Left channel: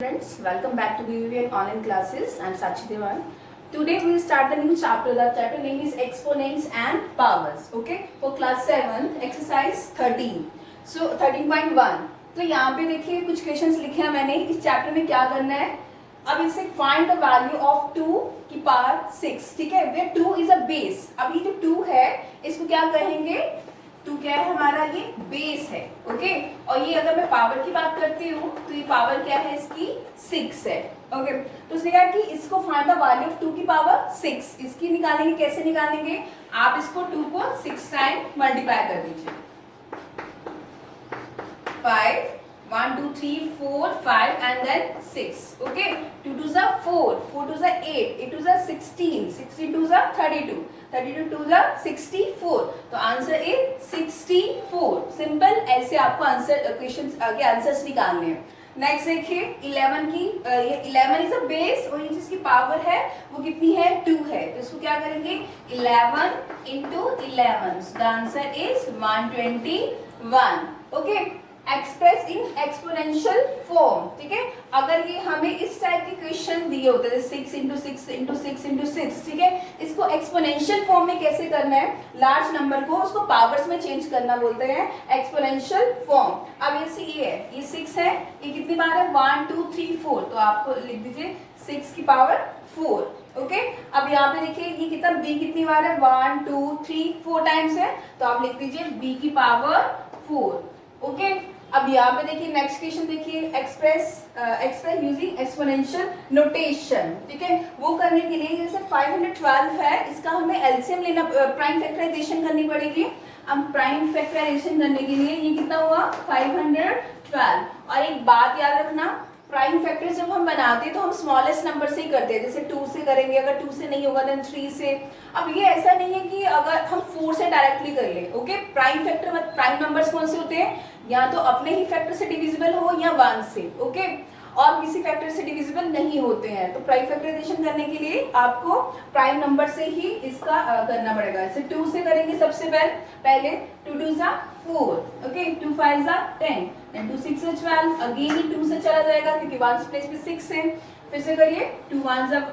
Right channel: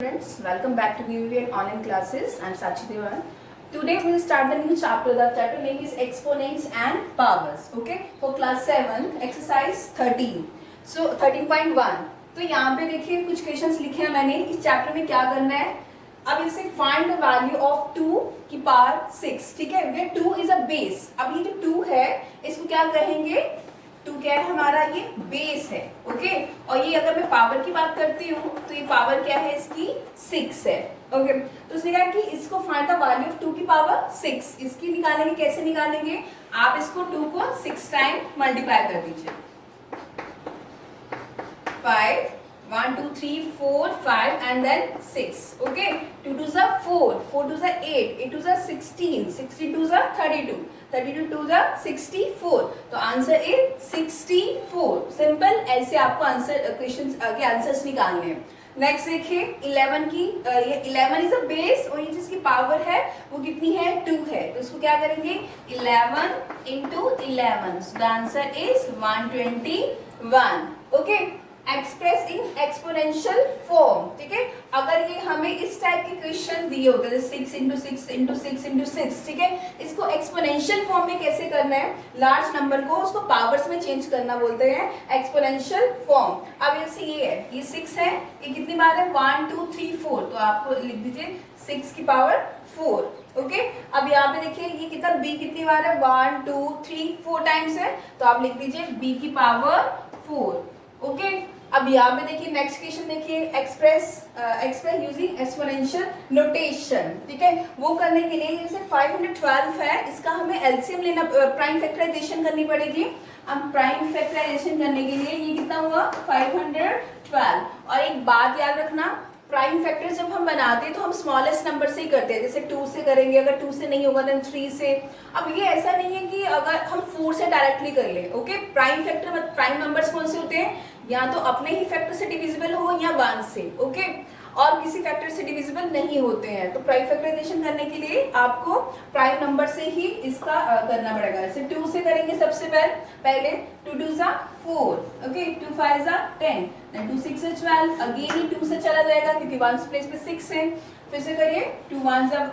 Friends, welcome back to BBVN online classes. I am Sachi Devan. Today we will start the new chapter. The chapter name is Exponents and Powers. Okay, for class 7, exercise 13. So 13.1. तो यहाँ पे देखिए कुछ questions लिखे हैं मैंने. इस chapter में क्या करना है, अब इसे फाइंड द वैल्यू ऑफ 2 की पावर 6. ठीक है, वे 2 इज अ बेस. अब ये जो 2 है इसको क्या कहेंगे, 2 क्या है हमारा, ये बेस है. ओके, और ये अगर मैं पावर की बात करती हूँ तो ये पावर क्या है इसकी, 6 है. ओके, तो उसने कहा कि इसको फाइंड द वैल्यू ऑफ 2 की पावर 6. इसकी निकालेंगे, कैसे निकालेंगे, आप इसको 2 को 6 टाइम मल्टीप्लाई कर दीजिए. 5 1 2 3 4 5 and then 6. Okay, 2 2s are 4, 4 2s are 8, 8 2s are 16, 16 2s are 32, 32 2s are 64. तो आंसर इज 64. सिंपल, ऐसे आपको आंसर क्वेश्चन के आंसर्स निकालने हैं. नेक्स्ट देखिए 11 की, ये 11 इज अ बेस और ये जिसकी पावर है वो कितनी है, 2 है. तो इसको क्या करेंगे, 11 into 11. So the answer is 121. Okay, express in exponential form. ठीक है, अगर ये हमें इस टाइप के क्वेश्चन दिए होते हैं 6 into 6 into 6 into 6, ठीक है, इसको एक्सपोनेंशियल फॉर्म में कैसे करना है, लार्ज नंबर को उसको पावर्स में चेंज करना बोलते हैं एक्सपोनेंशियल फॉर्म. अब ये है, ये 6 है, ये कितनी बार है, 1 2 3 4. तो आपको लिख दीजिए 6 की पावर 4. ओके, अब यहाँ पे देखिए ये कितना, b कितनी बार है, 1 2 3 4 टाइम्स है. तो आप लिख दीजिए b की पावर 4. ओके, अब यहाँ पे देखिए नेक्स्ट क्वेश्चन देखिए, एक्सप्रेस यूजिंग एक्सपोनेंशियल नोटेशन. ठीक है, वो करने के लिए जैसे 512 है, इसका हमें एलसीएम लेना, प्राइम फैक्टराइजेशन करनी पड़ेगी. हम प्राइम फैक्टराइजेशन करने के लिए ये कितना हुआ, 512. और एक बात याद रखना, प्राइम फैक्टर जब हम बनाते हैं तो हम स्मॉलेस्ट नंबर से ही करते हैं. जैसे 2 से करेंगे, अगर 2 से नहीं होगा देन 3 से. अब ये ऐसा नहीं है कि अगर हम 4 से डायरेक्टली कर ले. Okay, prime factor, prime numbers कौन से होते हैं, या तो अपने ही फैक्टर से डिविजिबल हो या 1 से. ओके, और किसी फैक्टर से डिविजिबल नहीं होते हैं. तो प्राइम फैक्टराइजेशन करने के लिए आपको प्राइम नंबर से ही इसका करना पड़ेगा. जैसे 2 से करेंगे सबसे पहले 2 2s are 4. Okay, 2 5s are 10, then 2 6 are 12. Again ही 2 से चला जाएगा क्योंकि 1 प्लेस पे 6 है. फिर से करिए, 2 1s are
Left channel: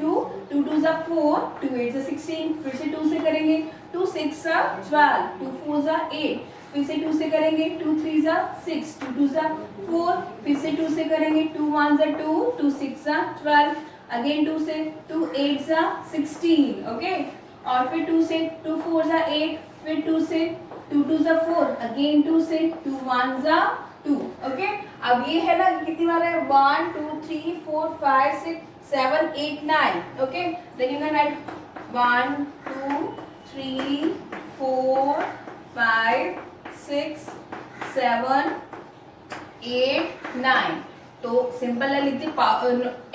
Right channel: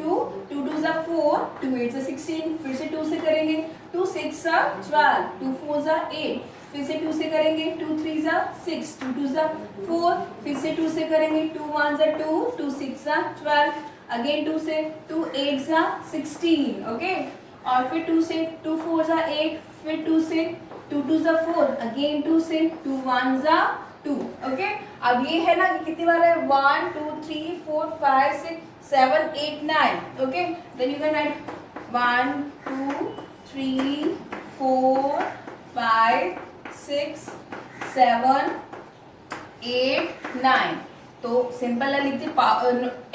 2, 2 2s are 4, 2 8s are 16. फिर से 2 से करेंगे, 2 6 are 12, 2 4s are 8. फिर से 2 से करेंगे, 2 3s are 6, 2 2s are 4. फिर से 2 से करेंगे, 2 1s are 2, 2 6 are 12. अगेन 2 से, 2 8s are 16. ओके, और फिर 2 से, 2 4s are 8. फिर 2 से, 2 2s are 4. अगेन 2 से, 2 1s are 2. ओके, अब ये है ना, कितनी बार है, 1 2 3 4 5 6 7 8 9. Okay, then you can add 1 2 3 4 5 6 7 8 9. तो सिंपल है, लिख दिए.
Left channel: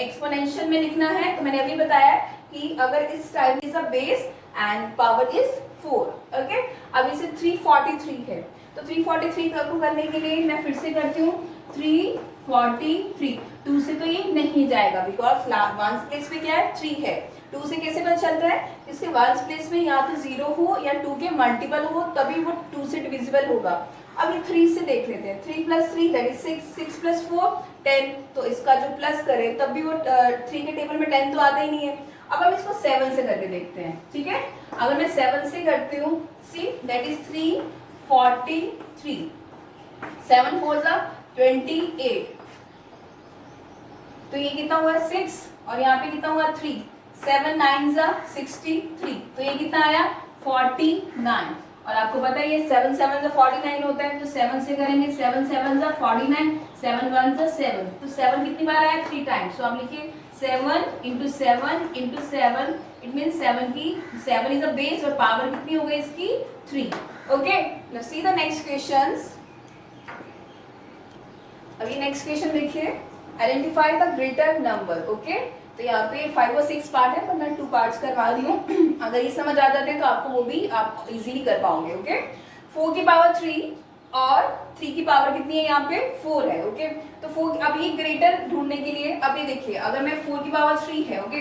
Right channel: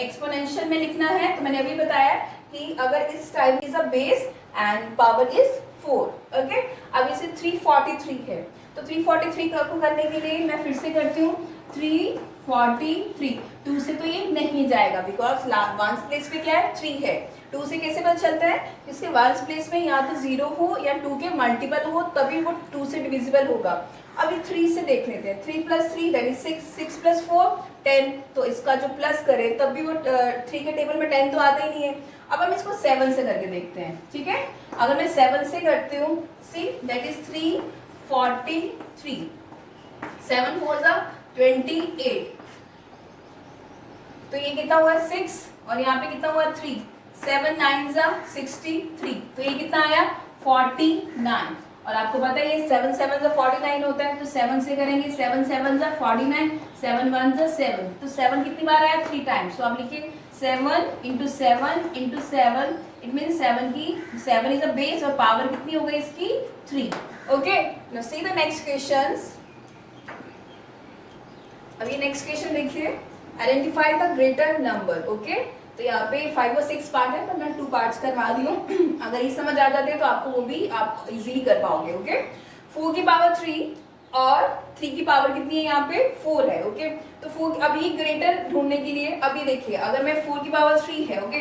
एक्सपोनेंशियल में लिखना है तो मैंने अभी बताया कि अगर इस time is a base and power is 4. Okay, अब इसे 343 है, तो 343 को करने के लिए मैं फिर से करती हूँ 343. 2 से तो ये नहीं जाएगा बिकॉज 1 प्लेस पे क्या है, 3 है. 2 से कैसे पता चलता है, इसके 1 प्लेस में या तो 0 हो या 2 के मल्टीपल हो, तभी वो 2 से डिविजिबल होगा. अब ये 3 से देख लेते हैं. 3 + 3 दैट इज 6, 6 + 4 10. तो इसका जो प्लस करें तब भी वो 3 के टेबल में 10 तो आता ही नहीं है. अब हम इसको 7 से करके देखते हैं. ठीक है, अगर मैं 7 से करती हूँ, see that is 343. 7 4s are 28. तो ये कितना हुआ, 6, और यहाँ पे कितना हुआ, 3. 7 9s are 63. तो ये कितना आया, 49. और आपको पता है ये 7 7s are 49 होता है. तो 7 से करेंगे, 7 7s are 49, 7 1s are 7. तो 7 कितनी बार आया, 3 टाइम्स. तो आप लिखिए 7 into 7 into 7. It mean 7 is a base और पावर कितनी हो गई इसकी, 3. Okay, now see the next questions. अभी नेक्स्ट क्वेश्चन देखिए, identify the greater number. Okay, तो यहाँ पे 5 और 6 पार्ट है, पर मैं 2 पार्ट्स करवा दी हूँ. अगर ये समझ आ जाते हैं तो आपको वो भी आप इजीली कर पाओगे. ओके, 4 की पावर 3 और 3 की पावर कितनी है, यहाँ पे 4 है. ओके, तो 4, अब ये ग्रेटर ढूंढने के लिए अभी देखिए, अगर मैं 4 की पावर 3 है, ओके,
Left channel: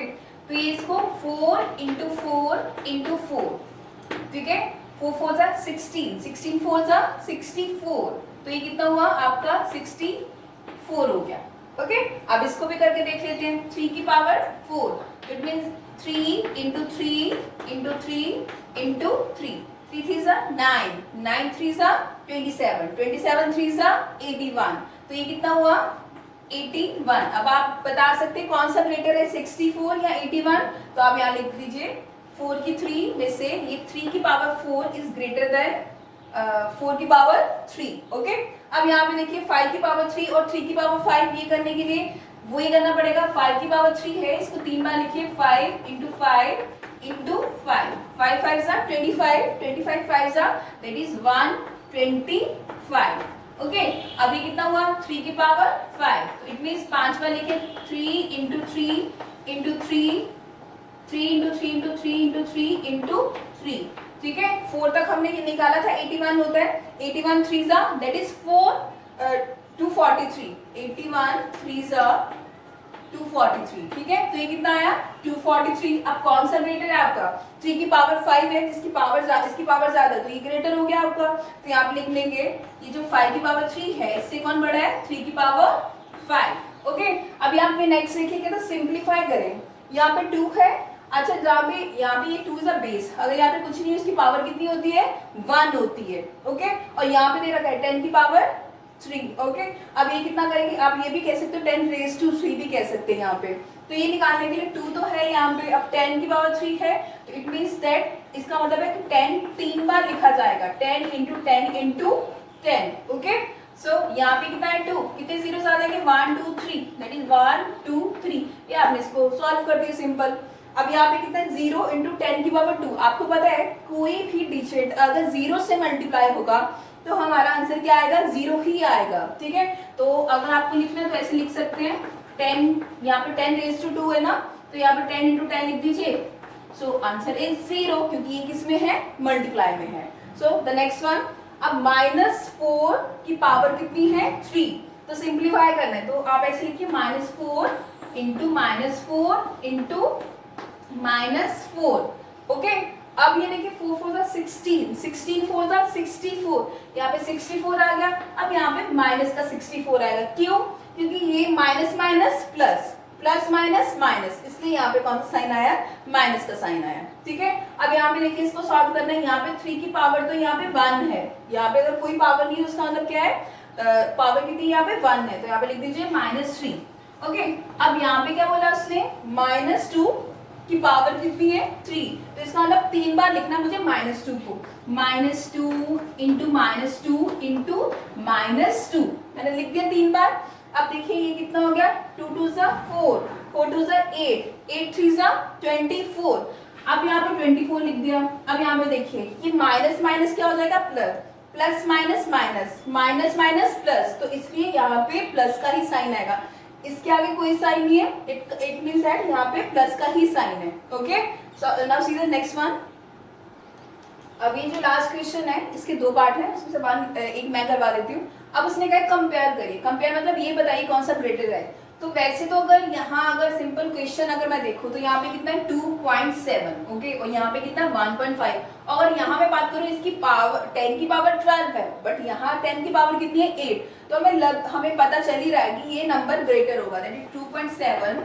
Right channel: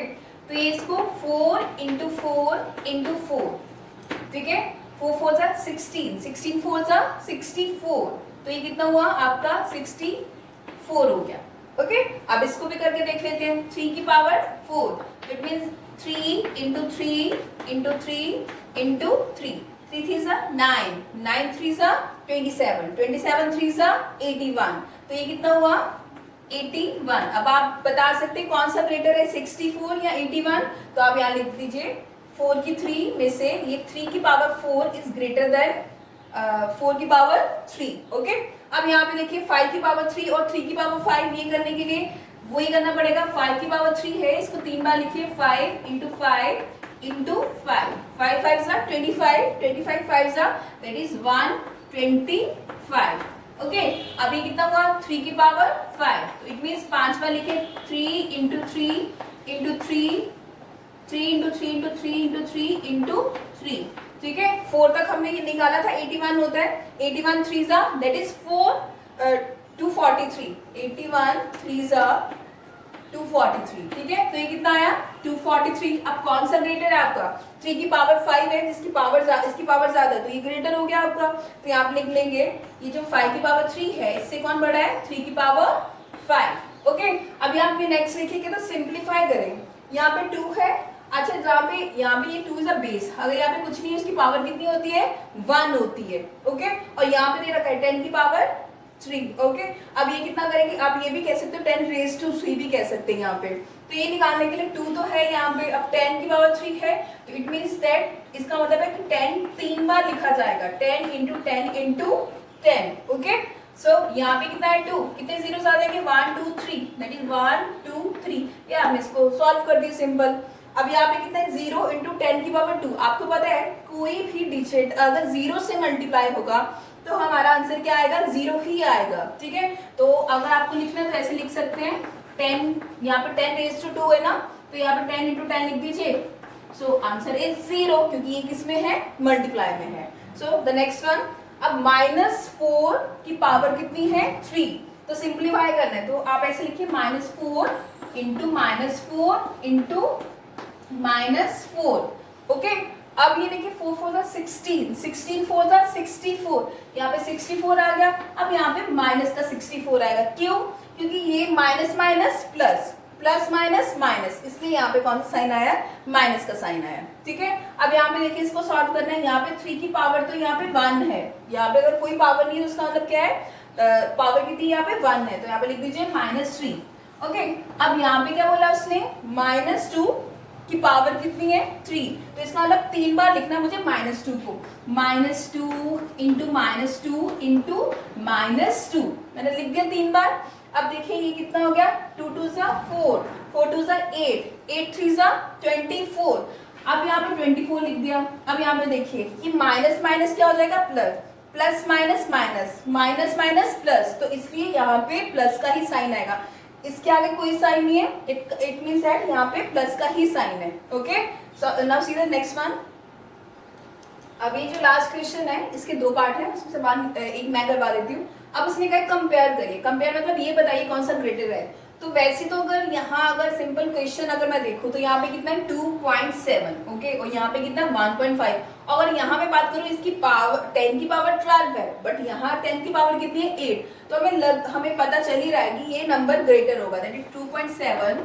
तो ये इसको 4 into 4 into 4. ठीक है, 4 4s are 16, 16 4s are 64. तो ये कितना हुआ आपका, 64 हो गया. ओके अब इसको भी करके देख लेते हैं। 3 की power 4, it means 3 into 3 into 3 into 3, 3 3 सा 9, 9 3 सा 27, 27 3 सा 81, तो ये कितना हुआ 81। अब आप बता सकते हैं कौन सा ग्रेटर है 64 या 81, तो आप यहाँ लिख दीजिए 4 की 3 में से ये 3 की पावर 4 इज ग्रेटर देन 4 की पावर 3। ओके अब यहाँ पे देखिए 5 की पावर 3 और 3 की पावर 5, ये करने के लिए वही करना पड़ेगा। 5 की पावर 3 है, इसको 3 बार लिखिए 5 इंटू 5 इंटू 5, 5 5 सा 25, 25 5 सा दैट इज 125। ओके अब ये कितना हुआ 3 की पावर 5, तो इट मीन्स 5 बार लिखे 3 into 3 into 3, 3 into 3 into 3 into 3 into 3, ठीक है 4 तक हमने ये निकाला था 81 होता है, 81 3 सा दैट इज 243, 81 3 सा 243, ठीक है तो ये कितना आया 243। अब कौन सा ग्रेटर है आपका 3 की पावर 5 है, जिसकी पावर इसकी पावर ज्यादा है, तो ये ग्रेटर हो गया आपका। तो आप लिख लेंगे ये जो 5 की पावर 3 है इससे कौन बड़ा है 3 की पावर 5। ओके अब यहाँ पे नेक्स्ट लिखिए तो सिंप्लीफाई करें, यहाँ पे 2 है, अच्छा यहाँ पे ये 2 इज अ बेस, अगर यहाँ पे कुछ नहीं है उसकी पावर कितनी होती है 1 होती है। ओके और यहाँ पे दे रखा है 10 की पावर 3। ओके अब ये कितना करेंगे, आप ये भी कह सकते हो 10 रेज टू 3 भी कह सकते हैं यहाँ पे। तो ये निकालने के लिए 2 तो है यहाँ पे, अब 10 की पावर 3 है, तो इट मीन्स दैट इसका मतलब है कि 10 3 बार लिखा जाएगा, 10 इंटू 10 इंटू 10। ओके सो यहाँ पे कितना है 2, कितने जीरो आ जाएंगे 1 2 3, दैट इज 1 2 3, ये आपने इसको सॉल्व कर दिया सिंपल। अब यहाँ पे कितना है 0 इंटू 10 की पावर 2, आपको पता है कोई भी डिजिट अगर 0 से मल्टीप्लाई होगा तो हमारा आंसर क्या आएगा 0 ही आएगा, ठीक है। तो अगर आपको लिखना है तो ऐसे लिख सकते हैं 10, यहाँ पे 10 रेज टू 2 है ना, तो यहाँ पे 10 इंटू 10 लिख दीजिए, सो आंसर इज 0 क्योंकि ये किस में है मल्टीप्लाई में है। सो द नेक्स्ट वन, अब -4 की पावर कितनी है 3, तो सिंप्लीफाई करना है, तो आप ऐसे लिखिए -4 इंटू -4 इंटू -4। ओके अब ये देखिए 4 4 जा 16, 16 4 जा 64, यहाँ पे 64 आ गया, अब यहाँ पे माइनस का 64 आएगा, क्यों क्योंकि ये minus minus plus, plus minus minus, इसलिए यहाँ पे कौन सा साइन आया माइनस का साइन आया, ठीक है। अब यहाँ पे देखिए इसको सॉल्व करना है, यहाँ पे 3 की पावर तो यहाँ पे 1 है, यहाँ पे अगर कोई पावर नहीं है उसका मतलब क्या है पावर कितनी यहाँ पे 1 है, तो यहाँ पे लिख दीजिए -3। ओके अब यहाँ पे क्या बोला उसने -2 की पावर कितनी है 3, तो इसका मतलब 3 बार लिखना मुझे -2 को, -2 इंटू -2 इंटू -2, मैंने लिख दिया 3 बार। अब देखिए ये कितना हो गया 2 2 सा 4, 4 2 सा 8, 8 3 सा 24, अब यहाँ पे 24 लिख दिया। अब यहाँ पे देखिए ये माइनस माइनस क्या हो जाएगा plus, plus minus minus, minus minus plus, तो इसलिए यहाँ पे प्लस का ही साइन आएगा, इसके आगे कोई साइन नहीं है, इट मींस दैट यहाँ पे प्लस का ही साइन है। Okay so now see the next one. अब ये जो लास्ट क्वेश्चन है इसके 2 पार्ट है, उसमें से एक मैं करवा देती हूँ। अब उसने कहा कंपेयर करिए, कंपेयर मतलब ये बताइए कौन सा ग्रेटर है। तो वैसे तो अगर यहाँ अगर सिंपल क्वेश्चन अगर मैं देखूँ तो यहाँ पे कितना है 2.7, ओके और यहाँ पे कितना 1.5, और यहाँ मैं बात करूँ इसकी पावर 10 की पावर 12 है, बट यहाँ 10 की पावर कितनी है 8, तो हमें पता चल ही रहा है कि ये नंबर ग्रेटर होगा, दैट इज 2.7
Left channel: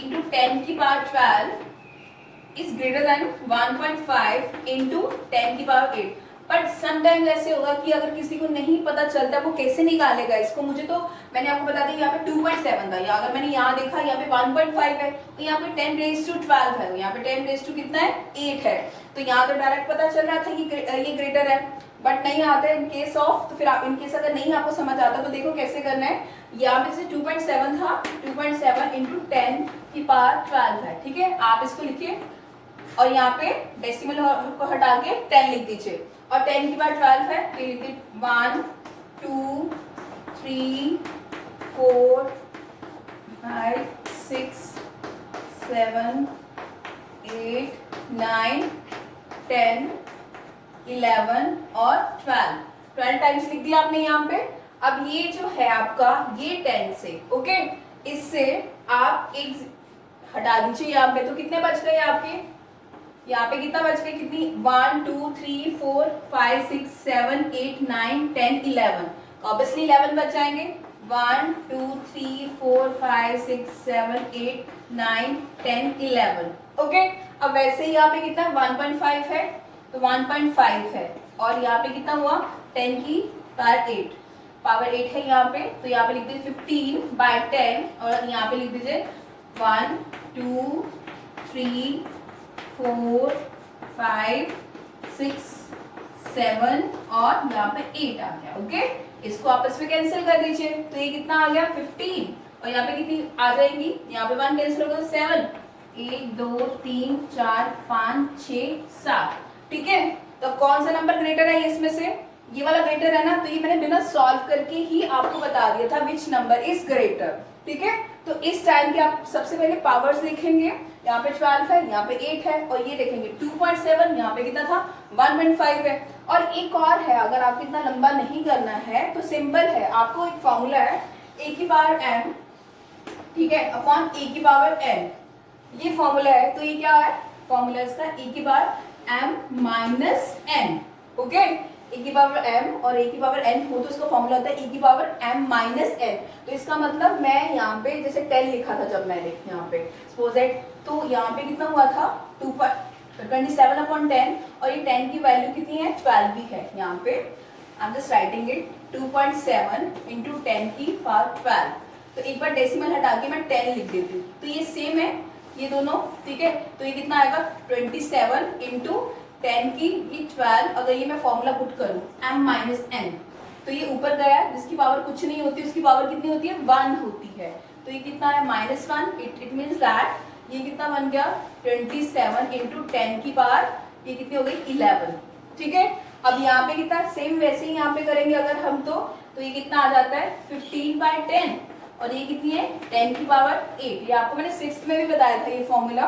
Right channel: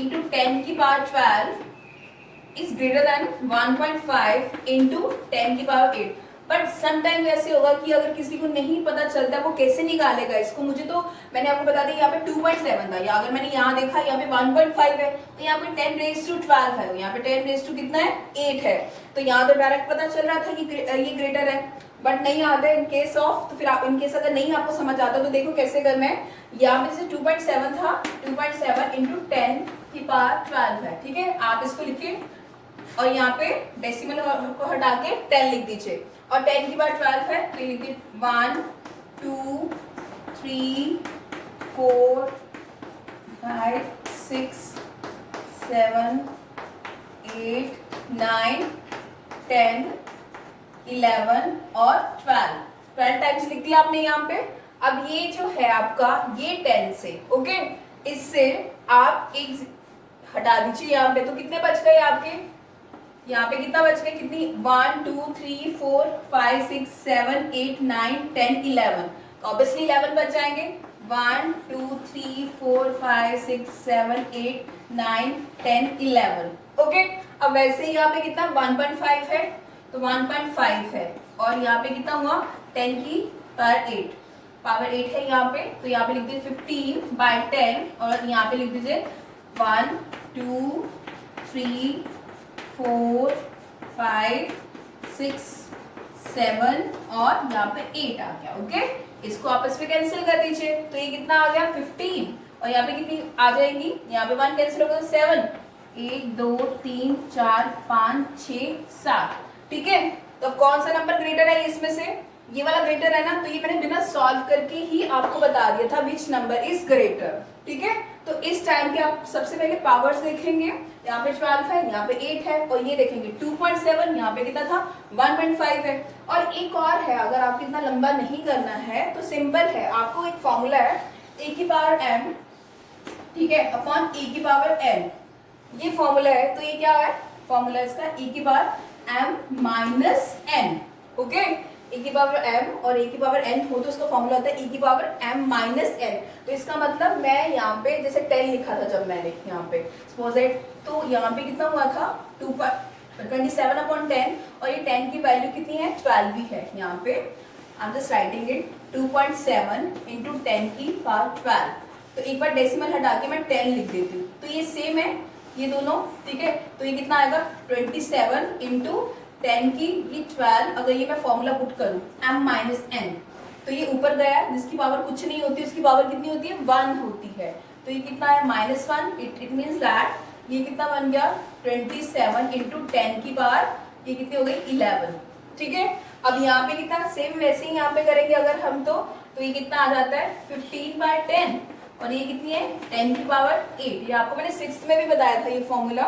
इंटू 10 की power 12 is greater than 1.5 into 10 की पावर 8। बट समटाइम्स ऐसे होगा कि अगर किसी को नहीं पता चलता वो कैसे निकालेगा इसको, मुझे तो मैंने आपको बता दिया यहाँ पे 2.7 था, या अगर मैंने यहाँ देखा यहाँ पे 1.5 है, तो यहाँ पे 10 रेज टू 12 है, यहाँ पे 10 रेज टू कितना है 8 है, तो यहाँ तो डायरेक्ट पता चल रहा था कि ये ग्रेटर है, बट नहीं आता है इन केस ऑफ, तो फिर इन केस अगर नहीं आपको समझ आता तो देखो कैसे करना है। यहाँ पे से 2.7 था, 2.7 इंटू 10 की पावर 12 है, ठीक है आप इसको लिखिए और यहाँ पे डेसिमल को हटा के 10 लिख दीजिए, और 10 की पावर 12 है तो लिखिए 1 2 3 4 5 6 7 8 9 10 11 और 12 टाइम्स लिख दिया आपने यहाँ पे। अब ये जो है आपका ये 10 से ओके, इससे आप एक हटा दीजिए यहाँ पे, तो कितने बच गए आपके, यहाँ पे कितना बच गए, कितनी 1 2 3 4 5 6 7 8 9 10 11, ऑब्वियसली 11 बच जाएंगे, 1 2 3 4 5 6 7 8 9 10 11। ओके, अब वैसे ही यहाँ पे कितना 1.5 है तो 1.5 है, और यहाँ पे कितना हुआ 10 की पावर 8 है यहाँ पे, तो यहाँ पे लिख दीजिए 15/10, और यहाँ पे लिख दीजिए 1 2 3 4 5 6 7 और यहाँ पे 8 आ गया। ओके, इसको आपस में कैंसिल कर दीजिए, तो ये कितना आ गया 15, और यहाँ पे कितनी आ जाएगी, यहाँ पे 1 कैंसिल होगा तो 7, 1 2 3 4 5 6 7। ठीक है, तो कौन सा नंबर ग्रेटर है इसमें से, ये वाला ग्रेटर है ना, तो ये मैंने बिना सॉल्व करके ही आपको बता दिया था विच नंबर इज ग्रेटर। ठीक है, तो इस टाइम के आप सबसे पहले पावर्स लिखेंगे, यहाँ पे 12 है, यहाँ पे 8 है, और ये देखेंगे 2.7, यहाँ पे कितना था 1.5 है। और एक और है, अगर आपको इतना लंबा नहीं करना है तो सिंपल है, आपको एक फॉर्मूला है a की पावर m, ठीक है, अपॉन a की पावर n, ये फॉर्मूला है। तो ये क्या है फॉर्मूला इसका, e की power m minus n। Okay, e की पावर m और a की पावर n हो तो इसका फॉर्मूला होता है e की पावर m माइनस n। तो इसका मतलब मैं यहाँ पे जैसे 10 लिखा था जब मैंने यहाँ पे सपोज इट, तो यहाँ पे कितना हुआ था 27/10, और ये 10 की वैल्यू कितनी है 12 भी है यहाँ पे। I am just writing it 2.7 into 10 की पावर 12। तो एक बार डेसिमल हटा के मैं 10 लिख देती हूँ, तो ये सेम है ये दोनों। ठीक है, तो ये कितना आएगा 27 इंटू 10 की ये 12। अगर ये मैं फॉर्मूला पुट करूँ m माइनस n, तो ये ऊपर गया, जिसकी पावर कुछ नहीं होती उसकी पावर कितनी होती है 1 होती है, तो ये कितना है -1। इट मीन्स दैट ये कितना बन गया 27 इंटू 10 की पावर ये कितनी हो गई 11। ठीक है, अब यहाँ पे कितना सेम वैसे ही यहाँ पे करेंगे अगर हम, तो ये कितना आ जाता है 15/10, और ये कितनी है 10 की पावर 8। ये आपको मैंने 6th में भी बताया था ये फॉर्मूला।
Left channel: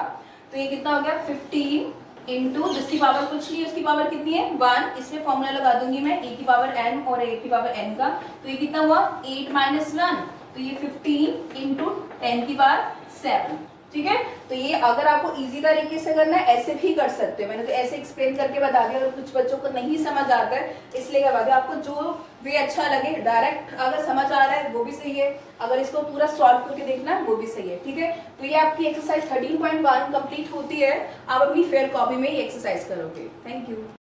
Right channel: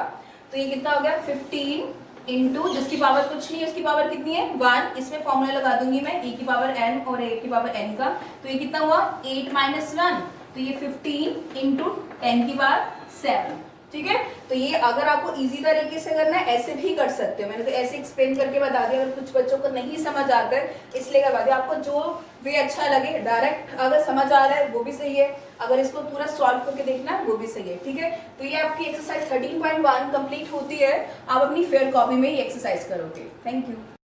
तो ये कितना हो गया 15 इंटू जिसकी पावर कुछ नहीं है उसकी पावर कितनी है 1, इसमें फॉर्मूला लगा दूंगी मैं e की पावर n और a की पावर n का, तो ये कितना हुआ 8 माइनस 1, तो ये 15 इंटू 10 की पावर 7। ठीक है, तो ये अगर आपको इजी तरीके से करना है ऐसे भी कर सकते हो, मैंने तो ऐसे एक्सप्लेन करके बता दिया। अगर कुछ बच्चों को नहीं समझ आता है इसलिए करवा दिया, आपको जो वे अच्छा लगे, डायरेक्ट अगर समझ आ रहा है वो भी सही है, अगर इसको पूरा सॉल्व करके देखना है वो भी सही है। ठीक है, तो ये आपकी एक्सरसाइज 13.1 कंप्लीट होती है, आप अपनी फेयर कॉपी में ये एक्सरसाइज करोगे। Thank you.